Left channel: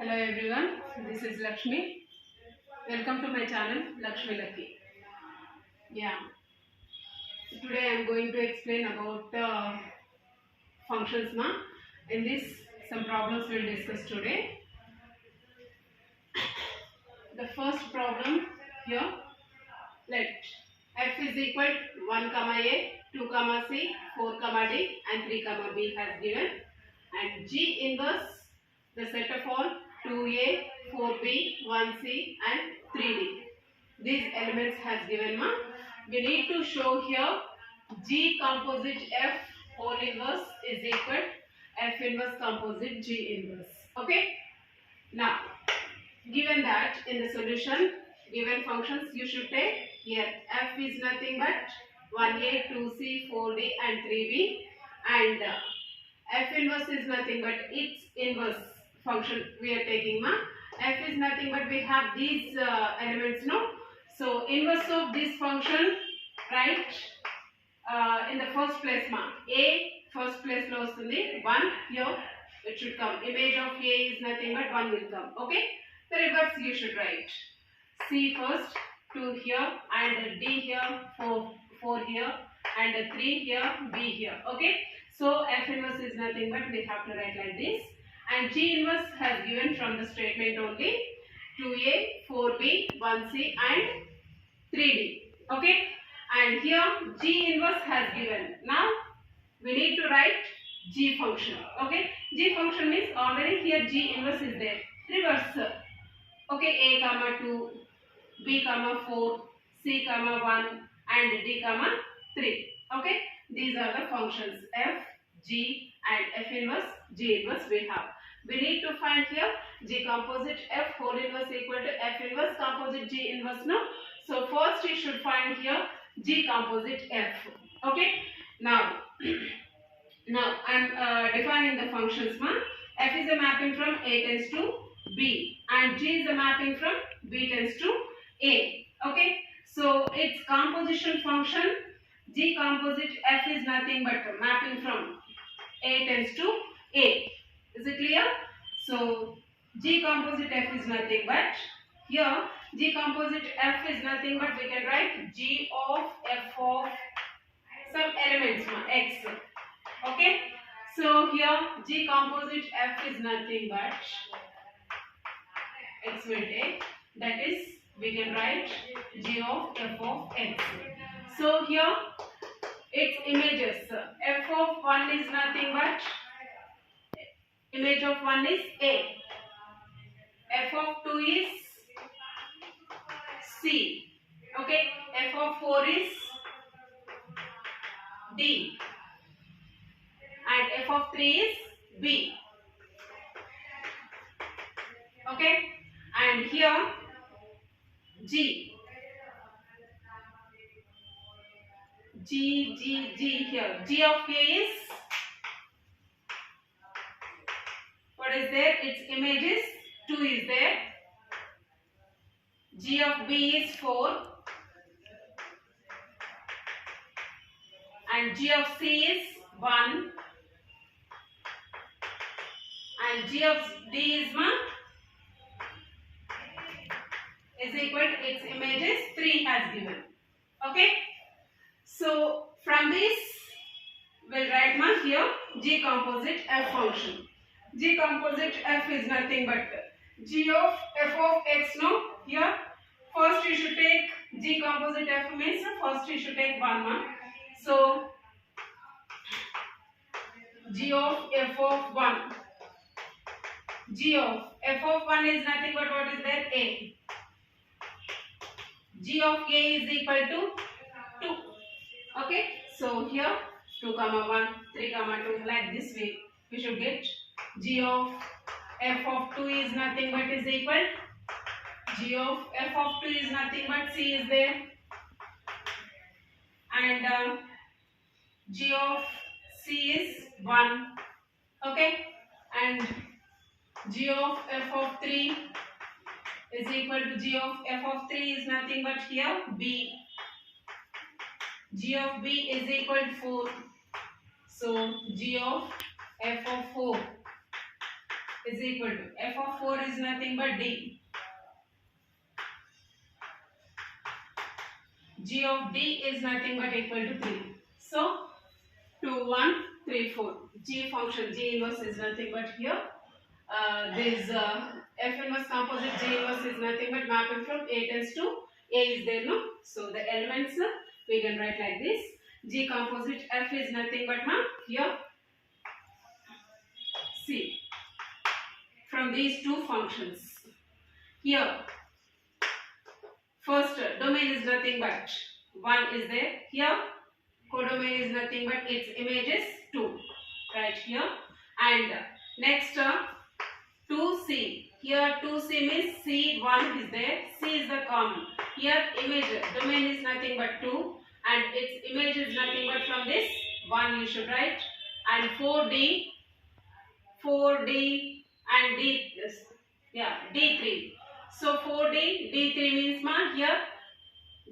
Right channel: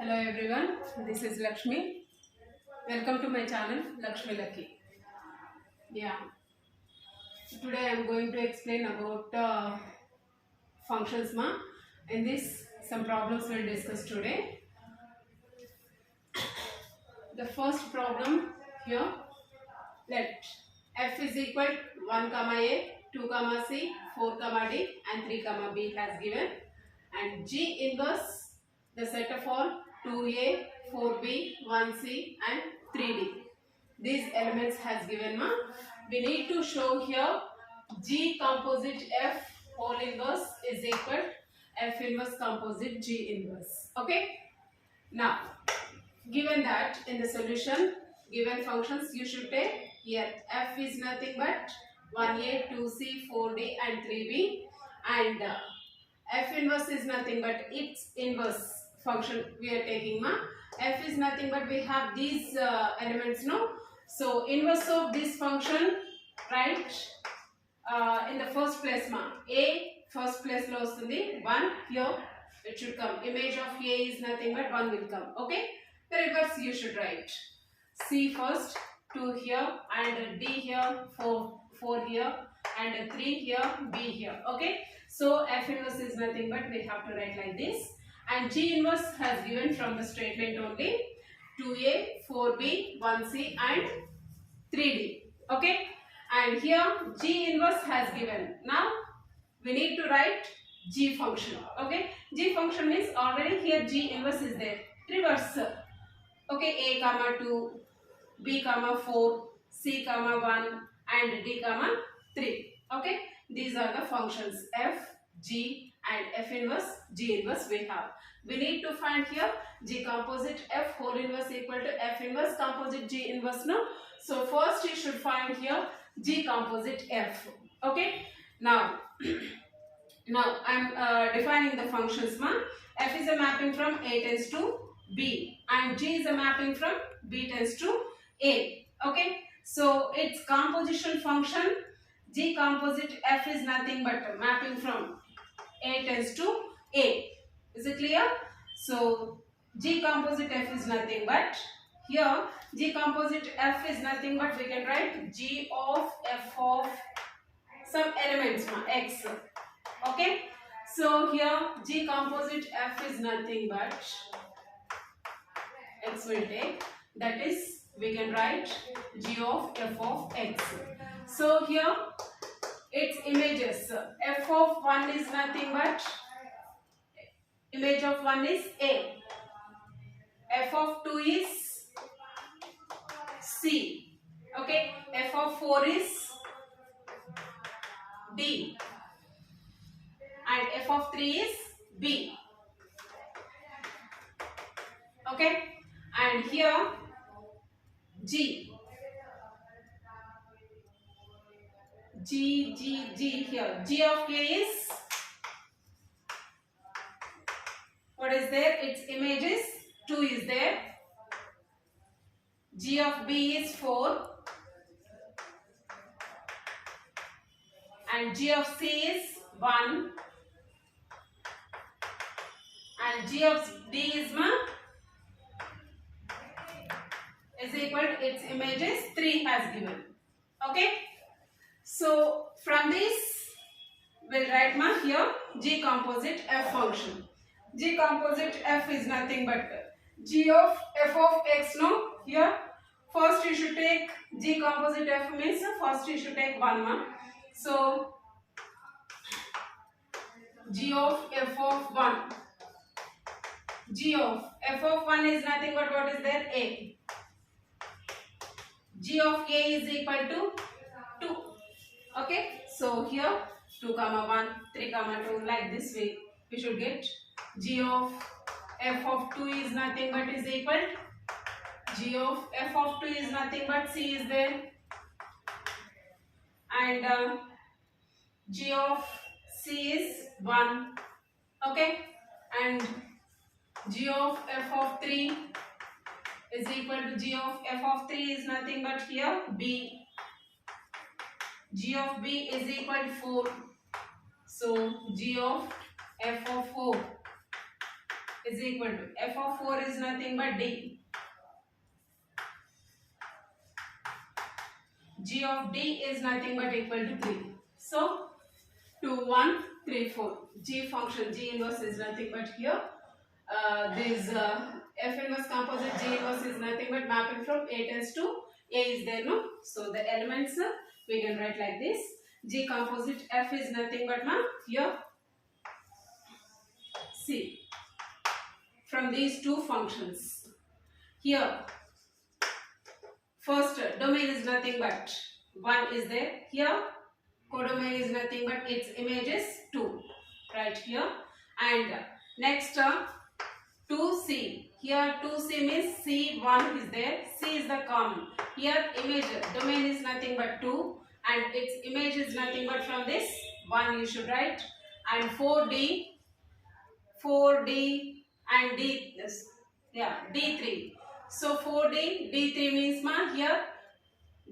Hello everyone, this is Lakshmi. Welcome to my channel Lakshmi Lucky. Yeah, today I am going to explain about functions ma. In this, some problems we'll discuss today. The first problem here, let f is equal 1 comma a, 2 comma c, 4 comma d and 3 comma b has given, and G inverse the set of all 2a, 4b, 1c and 3d. These elements has given ma. We need to show here G composite F whole inverse is equal F inverse composite G inverse. Okay. Now, given that in the solution, given functions you should take here F is nothing but 1a, 2c, 4d and 3b, and F inverse is nothing but its inverse function we are taking ma. F is nothing but we have these elements no. So inverse of this function, right, in the first place ma. A first place lo vastundi 1 here it should come. Image of A is nothing but 1 will come. Okay. The reverse you should write. C first, 2 here and D here, 4 here and 3 here, B here. Okay. So F inverse is nothing but we have to write like this, and G inverse has given from the statement only 2a, 4b, 1c and 3d. Okay. And here G inverse has given. Now we need to write G function. Okay. G function means already here G inverse is there. Reverse. Okay. A comma 2, B comma 4, C comma 1 and D comma 3. Okay. These are the functions F, G and F inverse, G inverse we have. We need to find here G composite F whole inverse equal to F inverse composite G inverse no. So first you should find here G composite F. Okay. Now, I am defining the functions ma. F is a mapping from A tends to B and G is a mapping from B tends to A. Okay. So its composition function G composite F is nothing but mapping from A tends to A. Is it clear? So G composite F is nothing but here G composite F is nothing but we can write G of F of some elements ma, X. Okay. So here G composite F is nothing but X will take, that is we can write G of F of X. So here its images, F of 1 is nothing but image of 1 is A, F of 2 is C, okay, F of 4 is D and F of 3 is B. Okay, and here G here G of K is, what is there? Its image is 2 is there. G of B is 4 and G of C is 1 and G of D is equal to its image is 3 has given. Okay. So from this we'll write here G composite F function. G composite F is nothing but G of F of X no. Here first you should take G composite F means first you should take 1. So G of F of 1. G of F of 1 is nothing but what is there? A. G of A is equal to 2. Okay. So here 2 comma 1, 3 comma 2, like this way we should get G of F of 2 is nothing but is equal. G of F of 2 is nothing but C is there, and G of C is 1. Okay. And G of F of 3 is equal to G of F of 3 is nothing but here B. G of B is equal to 4. So G of F of 4 is equal to f of 4 is nothing but d. G of d is nothing but equal to 3. So 2, 1, 3, 4. G function, G inverse is nothing but here. This F inverse composite G inverse is nothing but mapping from A tends to A is there, no? So the elements we can write like this. G composite F is nothing but here C. From these two functions. Here, first domain is nothing but 1 is there. Here, codomain is nothing but its image is 2. Right here. And next 2C. Here 2C means C1 is there. C is the common. Here image domain is nothing but 2 and its image is nothing but from this 1 you should write. And 4D and D this D3. So 4D D3 means here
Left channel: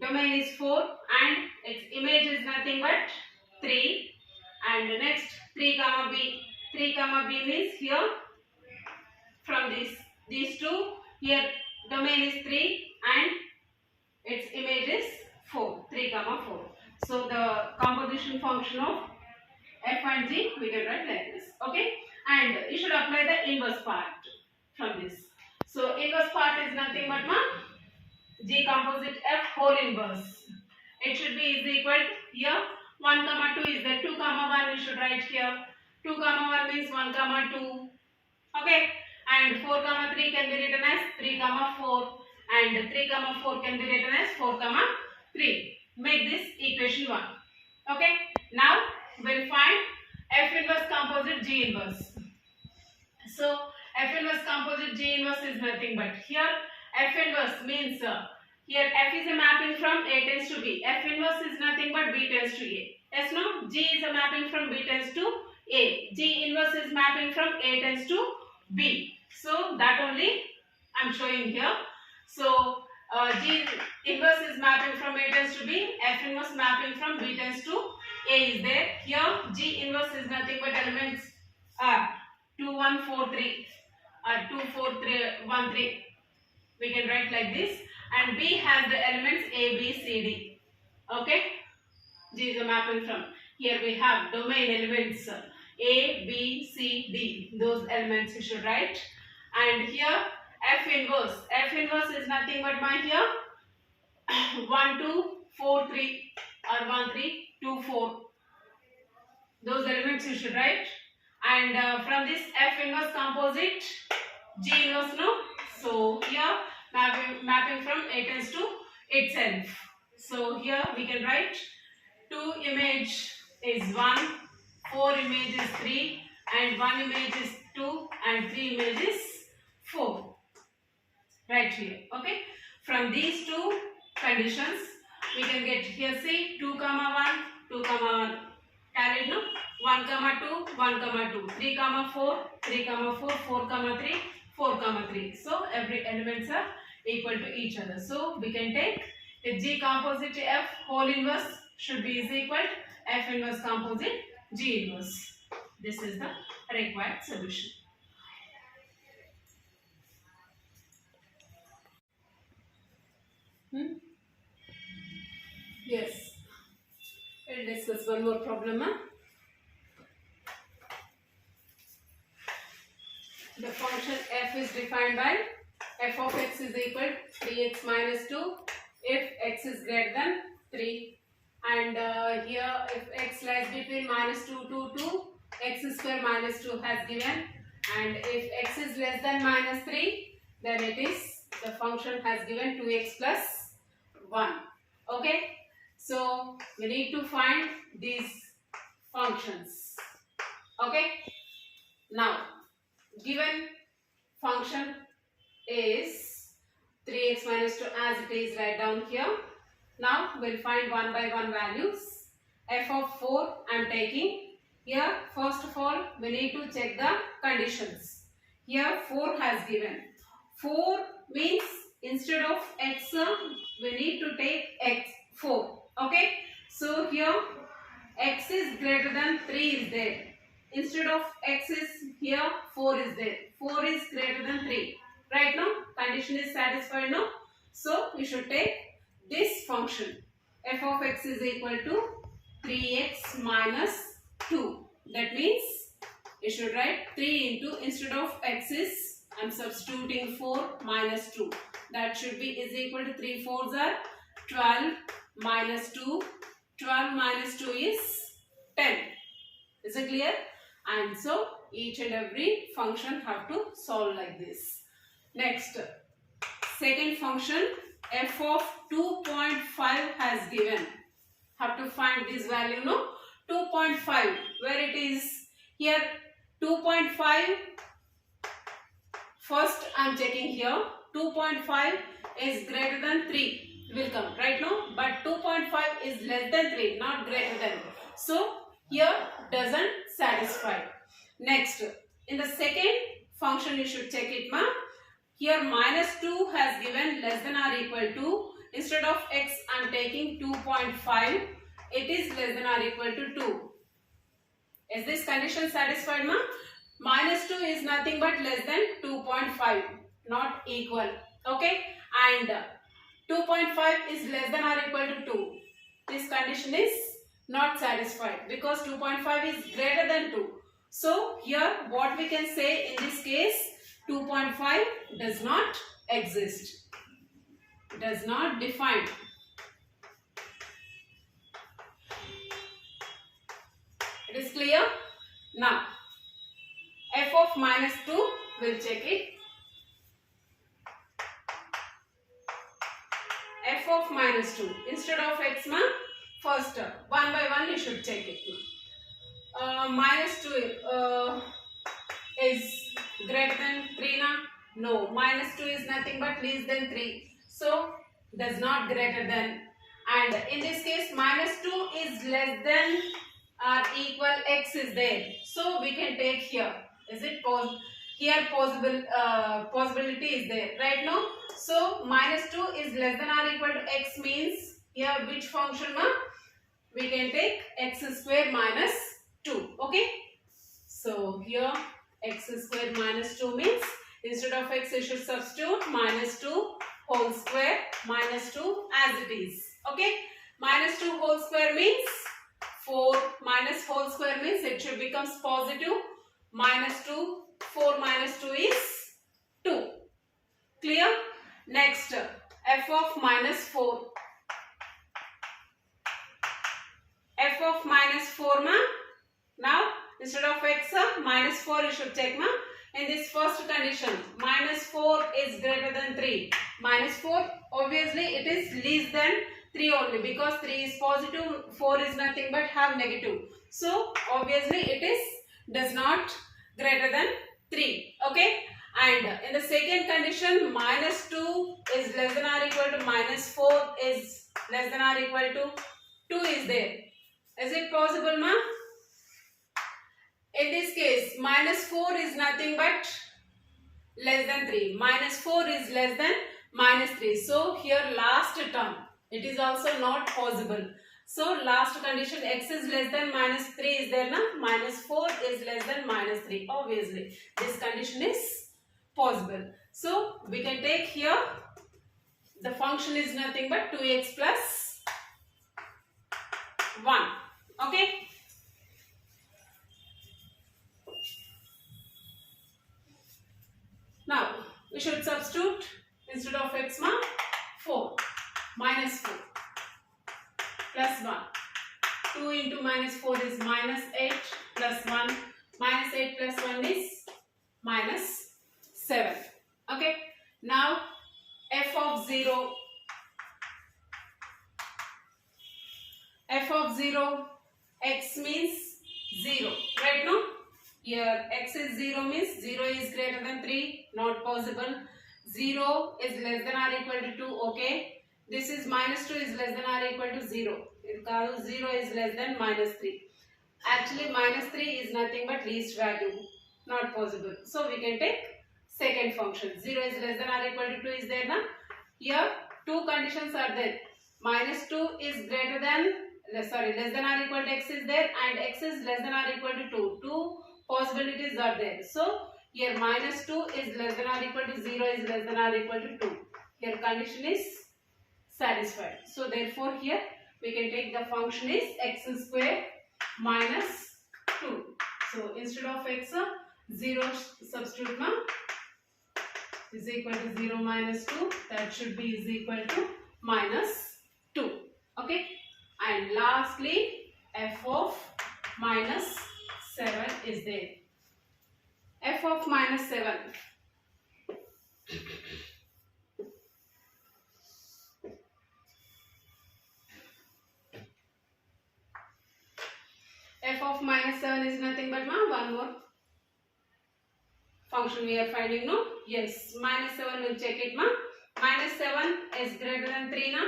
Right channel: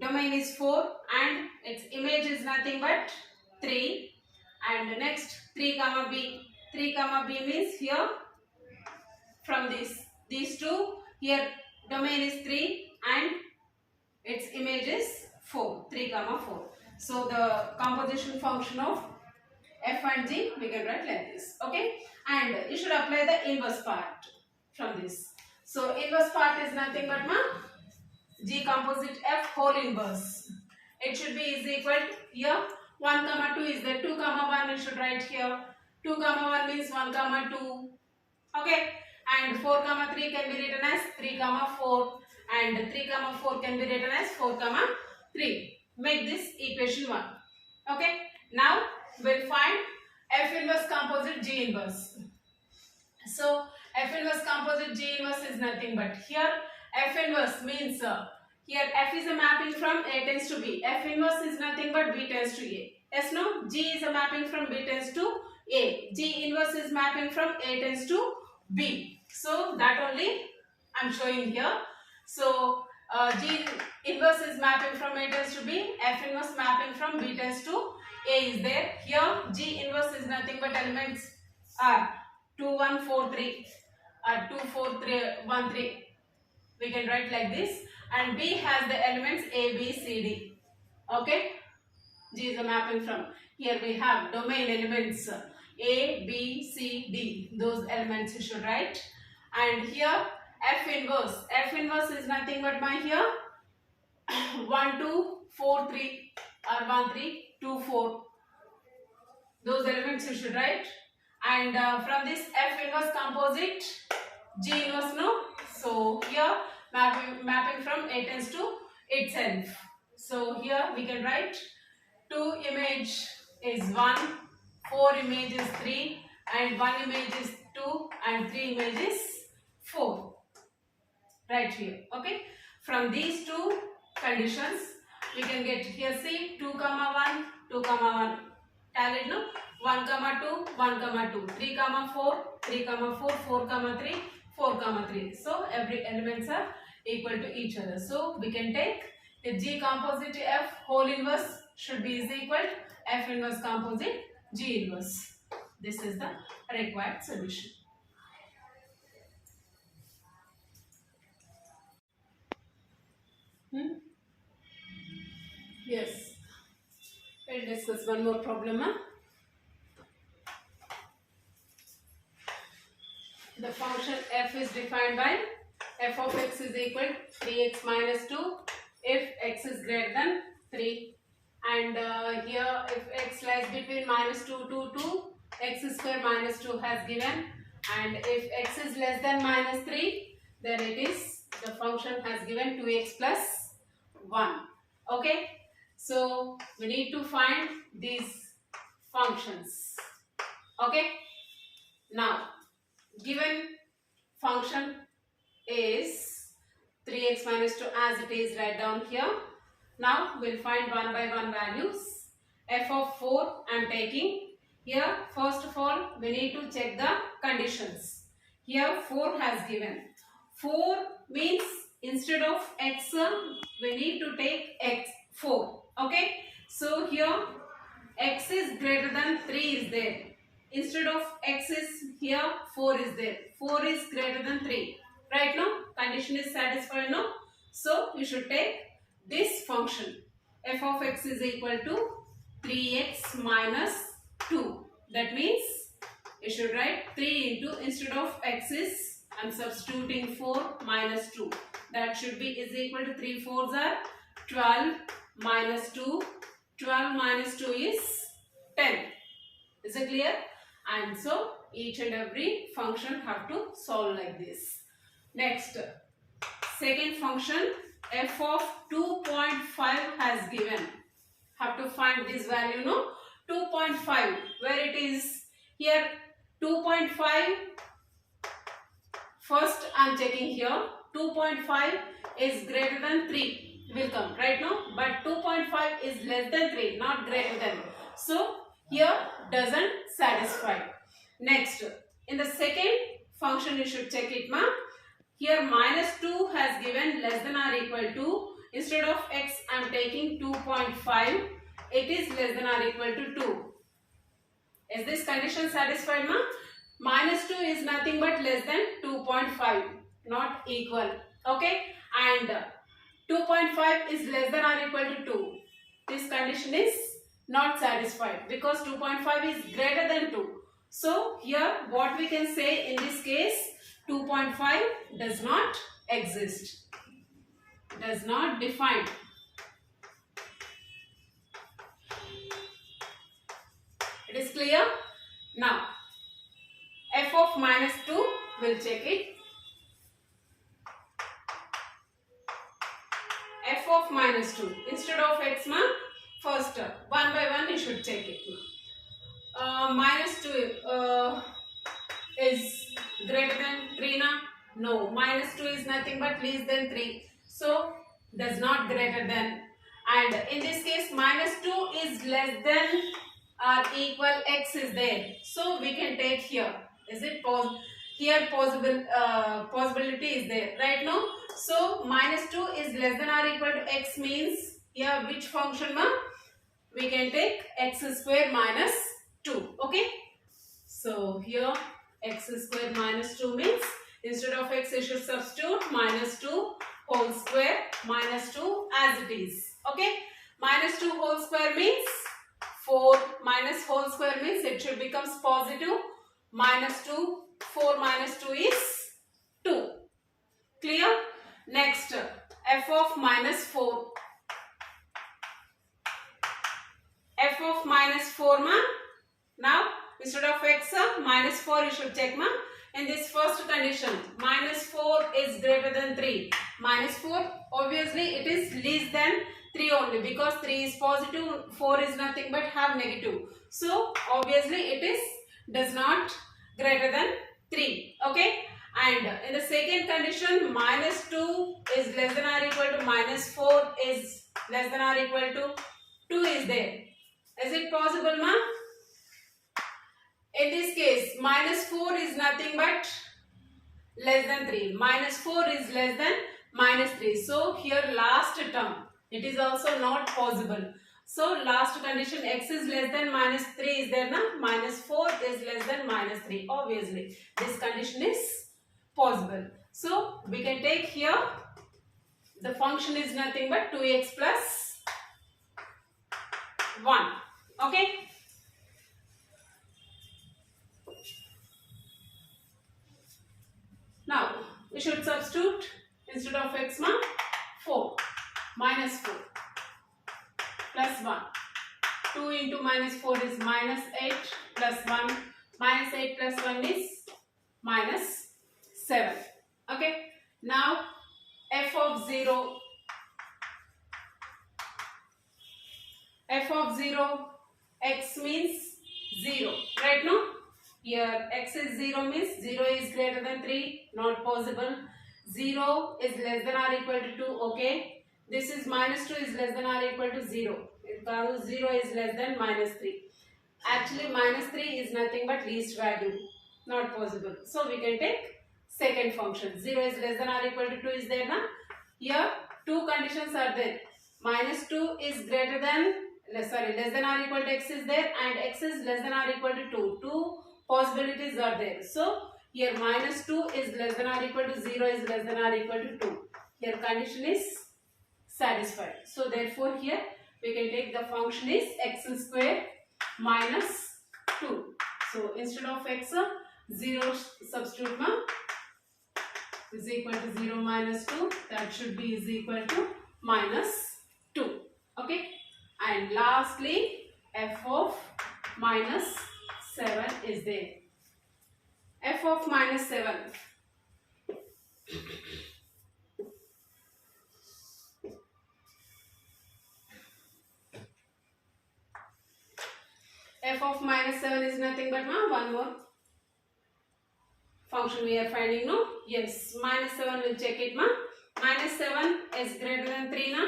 domain is 4 and its image is nothing but 3. And next 3 comma B. 3 comma B means here from these two, here domain is 3 and its image is 4, 3 comma 4. So the composition function of F and G we can write like this. Okay, and you should apply the inverse part from this. So inverse part is nothing but G composite F whole inverse. It should be is equal to here 1 comma 2 is there, 2 comma 1 you should write here. 2 comma 1 means 1 comma 2. Okay, and 4 comma 3 can be written as 3 comma 4 and 3 comma 4 can be written as 4 comma 3. Make this equation 1. Okay, now we'll find F inverse composite G inverse. So F inverse composite G inverse is nothing but here F inverse means here F is a mapping from A tends to B. F inverse is nothing but B tends to A. Yes, no? G is a mapping from B tends to A. G inverse is mapping from A tends to B. So that only I am showing here. So G inverse is mapping from A tends to B. F inverse mapping from B tends to A is there. Here G inverse is nothing but elements are 2, 1, 4, 3. 2, 4, 3, 1, 3. We can write like this. And B has the elements A, B, C, D. Okay. G is a mapping from. Here we have domain elements A, B, C, D. Those elements you should write. And here F inverse. F inverse is nothing but here 1, 2, 4, 3 or 1, 3, 2, 4. Those elements you should write. And from this F inverse composite G inverse, no? So here mapping from A tends to itself. So here we can write 2 image is 1, 4 image is 3 and 1 image is 2 and 3 image is 4. Right here. Okay. From these two conditions we can get here see 2 comma 1, 2 comma 1. Carried, no? 1 comma 2, 1 comma 2, 3 comma 4, 3 comma 4, 4 comma 3, 4 comma 3. So every elements are equal to each other. So we can take the G composite F whole inverse should be is equal to F inverse composite G inverse. This is the required solution. Yes. We'll discuss one more problem. The function f is defined by f of x is equal to 3x minus 2 if x is greater than 3. And here if x lies between minus 2 to 2, x square minus 2 has given. And if x is less than minus 3, then it is the function has given 2x plus 1. Okay. So we need to find these functions. Okay. Now given function is 3x minus 2 as it is right down here. Now we'll find one by one values. F of 4 I am taking. Here first of all we need to check the conditions. Here 4 has given. 4 means instead of x we need to take x 4. Okay. So here x is greater than 3 is there. instead of x is here, 4 is there. 4 is greater than 3. Right now, condition is satisfied now. So, you should take this function. F of x is equal to 3x minus 2. That means, you should write 3 into, instead of x is, I am substituting 4 minus 2. That should be is equal to 3 4s are 12 minus 2. 12 minus 2 is 10. Is it clear? And so, each and every function have to solve like this. Next, second function, f of 2.5 has given. Have to find this value, no? 2.5, where it is here 2.5. First I am checking here. 2.5 is greater than 3 will come right now, but 2.5 is less than 3, not greater than. So here doesn't satisfy. Next, in the second function you should check it, ma. Here minus 2 has given less than or equal to. Instead of x I am taking 2.5. It is less than or equal to 2. Is this condition satisfied, ma? Minus 2 is nothing but less than 2.5, not equal. Okay, and 2.5 is less than or equal to 2. This condition is not satisfied because 2.5 is greater than 2. So here what we can say in this case, 2.5 does not exist, does not define. It is clear? Now f of minus 2, we'll check it. F of minus 2, instead of x, ma, first one by one you should check it. Minus 2 is greater than 3, na? No, minus 2 is nothing but less than 3. So, does not greater than. And in this case, minus 2 is less than or equal x is there. So, we can take here. Is it possible? Here possibility is there right now. So minus 2 is less than or equal to x means here which function, ma? We can take x square minus 2. Okay. So here x square minus 2 means instead of x you should substitute minus 2 whole square minus 2 as it is. Okay. Minus 2 whole square means 4 minus whole square means it should becomes positive. Minus 2, 4 minus 2 is 2. Clear? Next, f of minus 4. F of minus 4, ma. Now, instead of x, minus 4 you should check, ma. In this first condition, minus 4 is greater than 3. Minus 4, obviously it is less than 3 only because 3 is positive, 4 is nothing but have negative. So, obviously it is does not greater than 3. Okay. And in the second condition, minus 2 is less than or equal to minus 4 is less than or equal to 2 is there. Is it possible, ma? In this case, minus 4 is nothing but less than 3. Minus 4 is less than minus 3. So, here last term, it is also not possible. So, last condition x is less than minus 3 is there, na? Minus 4 is less than minus 3. Obviously, this condition is possible. So, we can take here, the function is nothing but 2x plus 1. Okay. Now, we should substitute instead of x, ma, 4 minus 4. Plus 1. 2 into minus 4 is minus 8 plus 1. Minus 8 plus 1 is minus 7. Okay. Now, f of 0. F of 0, x means 0. Right now, here x is 0 means 0 is greater than 3. Not possible. 0 is less than or equal to 2. Okay. This is minus 2 is less than or equal to 0. Because 0 is less than minus 3. Actually, minus 3 is nothing but least value. Not possible. So, we can take second function. 0 is less than or equal to 2 is there, na? Here, two conditions are there. Minus 2 is greater than, less than or equal to x is there and x is less than or equal to 2. Two possibilities are there. So here minus 2 is less than or equal to 0 is less than or equal to 2. Here condition is satisfied. So therefore here we can take the function is x square minus 2. So instead of x, 0 substitute ma is equal to 0 minus 2. That should be is equal to minus 2. Okay. And lastly f of minus 7 is there. F of minus 7. F of minus 7 is nothing but one more function we are finding, no? Yes, minus 7 will check it, ma. Minus 7 is greater than 3, na?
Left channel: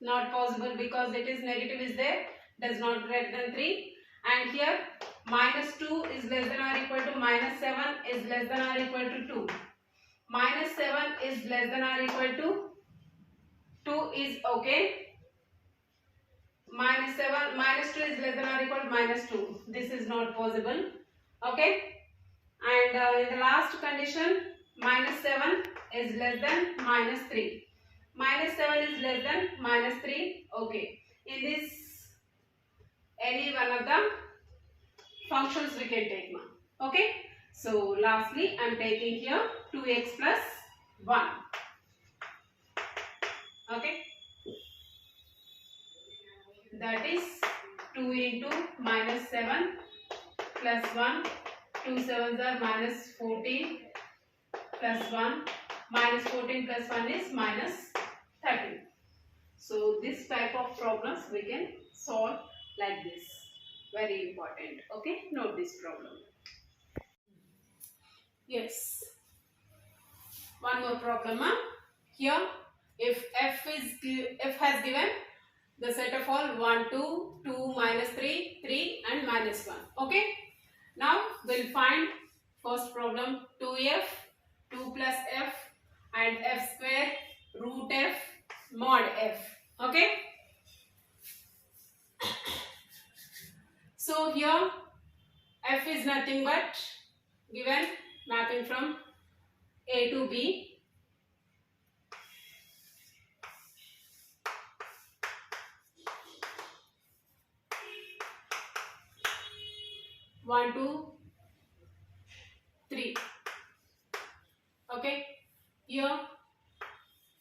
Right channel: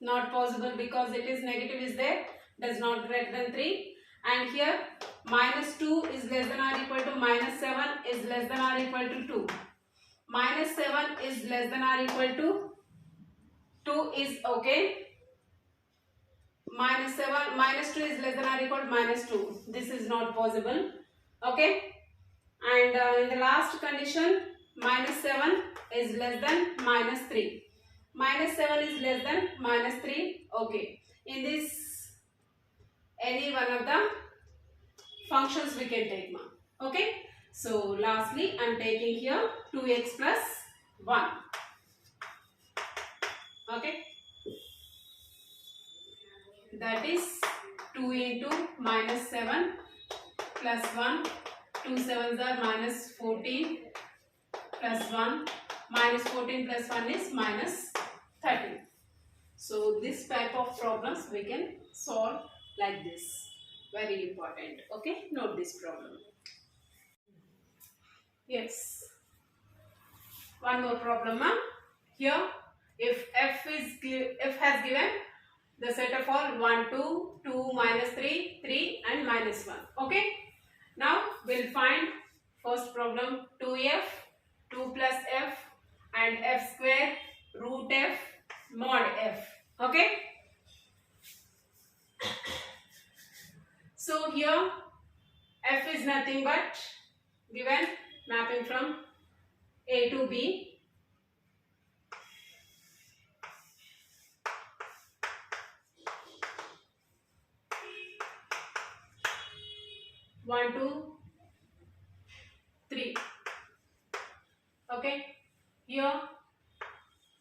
Not possible because it is negative is there, does not greater than 3. And here minus 2 is less than or equal to minus 7 is less than or equal to 2. Minus 7 is less than or equal to 2 is okay. Minus 7, minus 2 is less than or equal to minus 2. This is not possible. Okay. And in the last condition, minus 7 is less than minus 3. Minus 7 is less than minus 3. Okay. In this, any one of the functions we can take, ma. Okay. So lastly, I am taking here 2x plus 1. Okay. That is 2 into minus 7 plus 1. 2 7s are minus 14 plus 1. Minus 14 plus 1 is minus 13. So this type of problems we can solve like this. Very important. Okay, note this problem. Yes. One more problem. Here, if f has given the set of all 1, 2, 2, minus 3, 3 and minus 1. Okay. Now we'll find first problem 2f, 2 plus f and f square root f mod f. Okay. So here f is nothing but given mapping from a to b. One, 2, 3. Okay. Here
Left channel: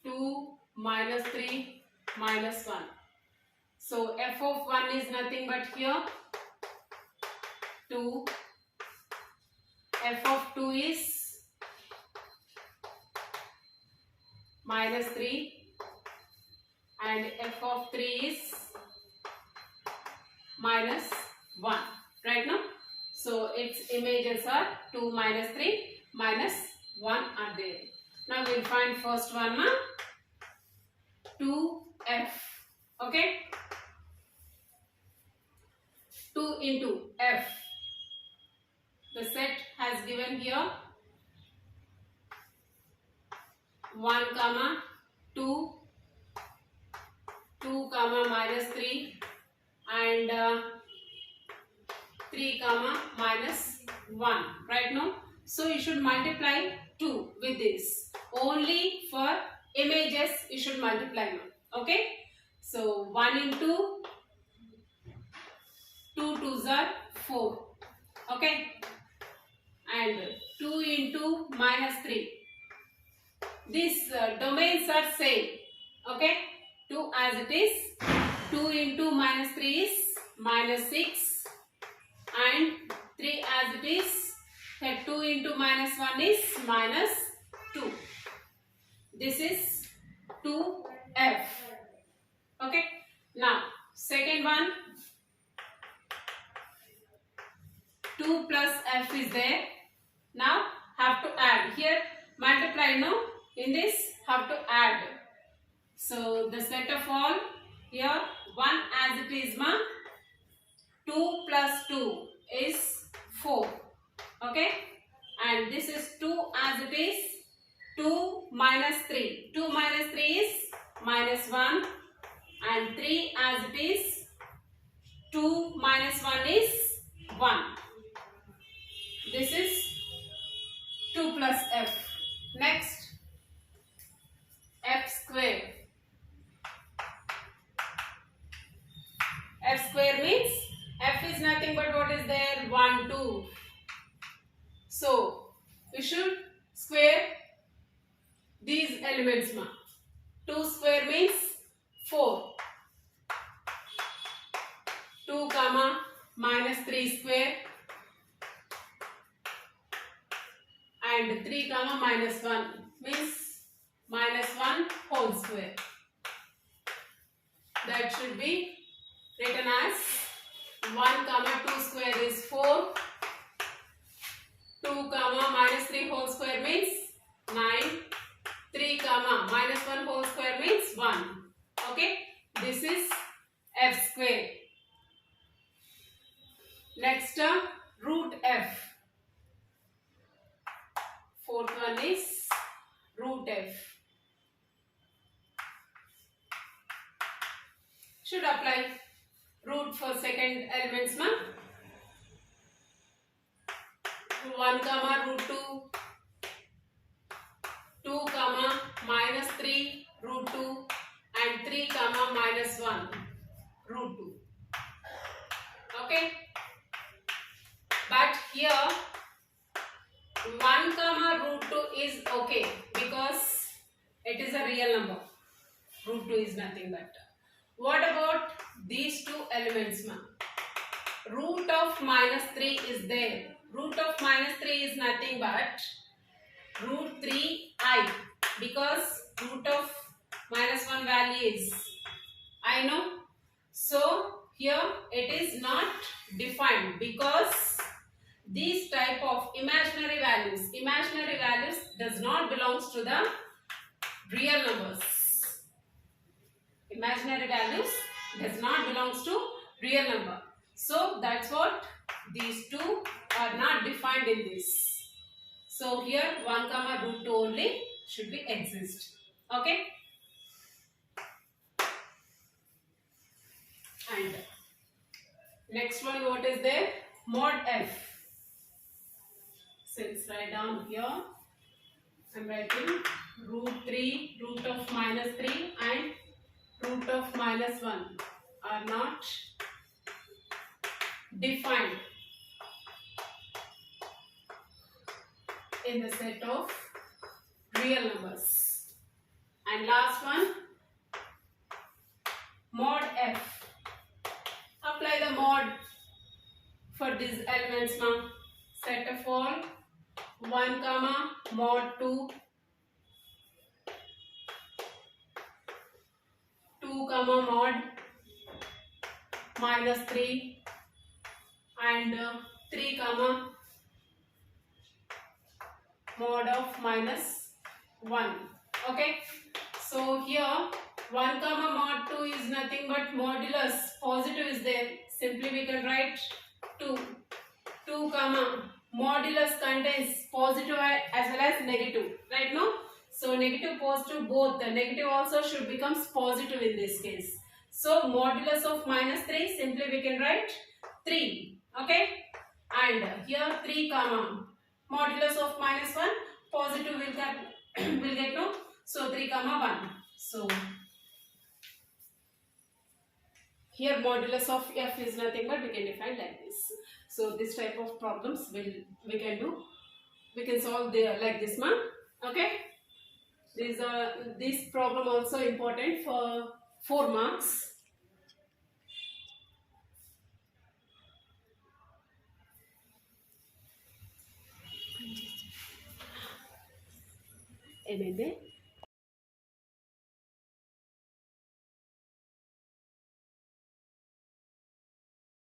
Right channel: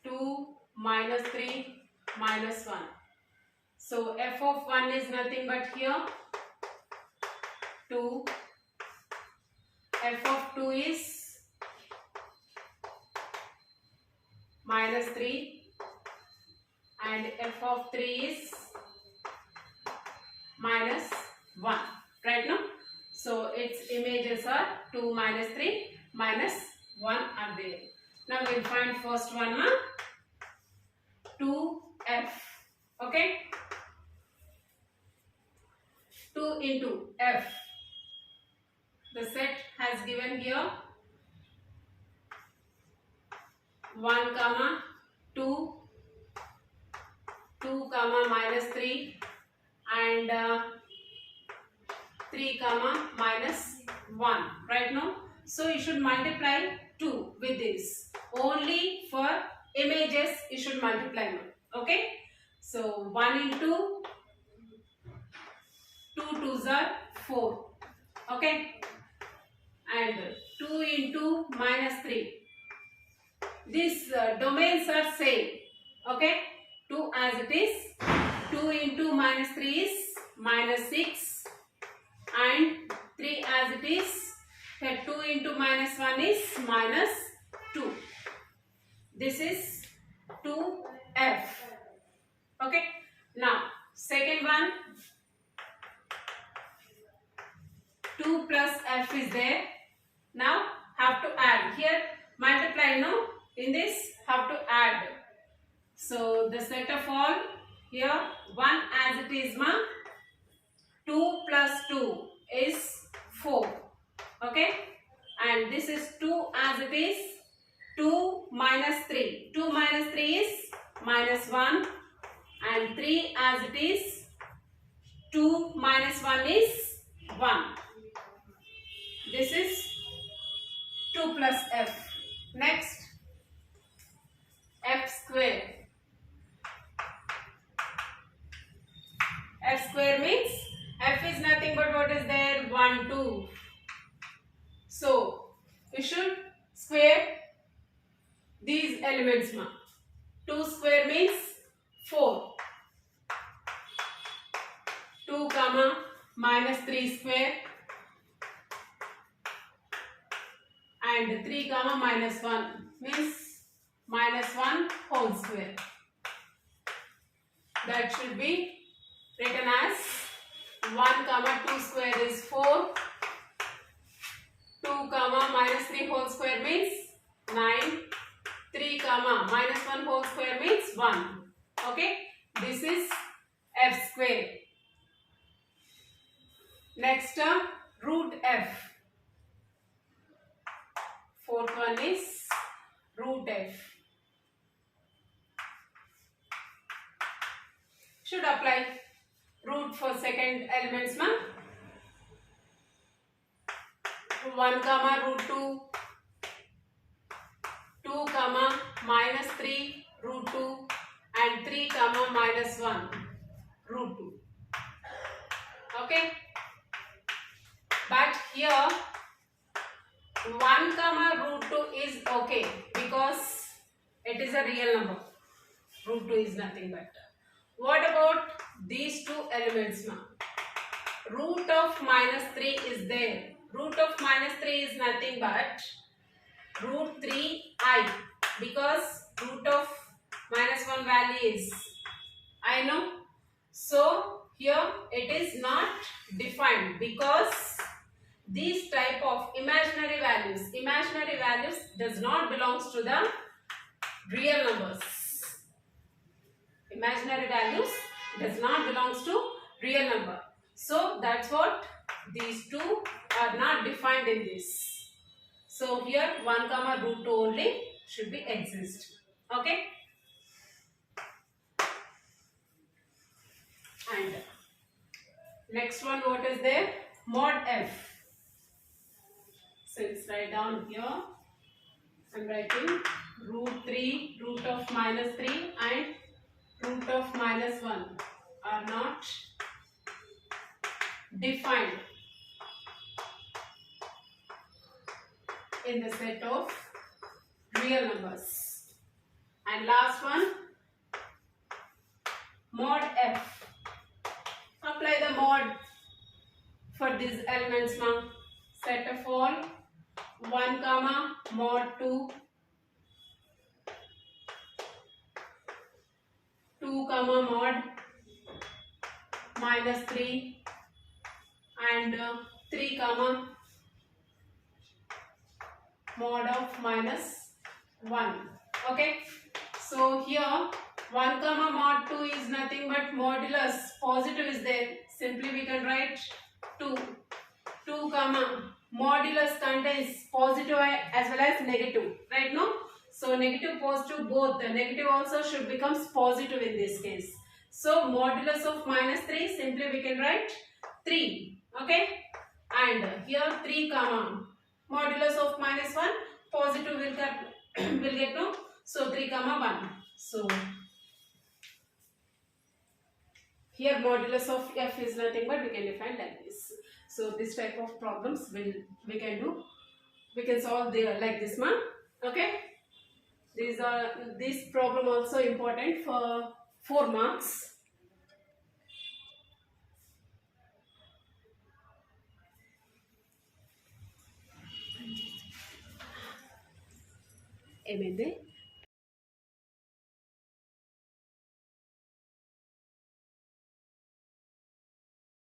2 minus 3 minus 1. So f of 1 is nothing but here 2. F of 2 is minus 3 and f of 3 is minus 1. Right now? So its images are 2 minus 3 minus 1 are there. Now we will find first one, 2f. Okay. 2 into f. The set has given here 1 comma 2, 2 comma minus 3 and 3 comma minus 1. Right now? So you should multiply 2 with this. Only for images you should multiply now. Okay. So 1 into 2 2s are 4. Okay. And 2 into minus 3. These domains are same. Okay. 2 as it is. 2 into minus 3 is minus 6. And 3 as it is. That 2 into minus 1 is minus 2. This is 2f. Okay. Now, second one. 2 plus f is there. Now, have to add. Here, multiply, no? In this, have to add. So, the set of all, here, 1 as it is, 2 plus 2 is 4. Okay. And this is 2 as it is. 2 minus 3. 2 minus 3 is minus 1. And 3 as it is. 2 minus 1 is 1. This is 2 plus f. Next, f square. F square means f is nothing but what is there? 1, 2. So, we should square these elements. 2 square means 4. 2 comma minus 3 square and 3 comma minus 1 means minus 1 whole square. That should be written as 1 comma 2 square is 4. 2 comma minus 3 whole square means 9. 3 comma minus 1 whole square means 1. Okay, this is f square. Next term, root f. Fourth one is root f. Should apply root for second elements. 1 comma root 2. 2 comma minus 3 root 2 and 3 comma minus 1 root 2. Okay, but here 1 comma root 2 is okay because it is a real number. Root 2 is nothing but. What about these two elements? Root of minus 3 is there. Root of minus 3 is nothing but root 3i, because root of minus 1 value is I know. So here it is not defined because these type of imaginary values does not belongs to the real numbers. Imaginary values does not belongs to real number. So that's what these two are not defined in this. So here 1 comma root 2 only should be exist. Okay. And next one, what is there? Mod f. Since write down here, I am writing root 3, root of minus 3 and root of minus 1 are not defined in the set of real numbers. And last one, mod f. Apply the mod for these elements now. Set of all 1 comma mod 2, 2 comma mod minus 3 and 3 comma mod of minus 1. Okay, so here 1 comma mod 2 is nothing but modulus positive is there. Simply we can write 2. 2 comma modulus contains positive as well as negative, right? No, so negative positive both. The negative also should becomes positive in this case. So modulus of minus 3, simply we can write 3. Okay, and here 3 comma modulus of minus 1, positive will get no, so 3 comma 1. So here modulus of f is nothing but we can define like this. So this type of problems we can solve there like this one. Okay, this problem also important for 4 marks. ఏమైంది?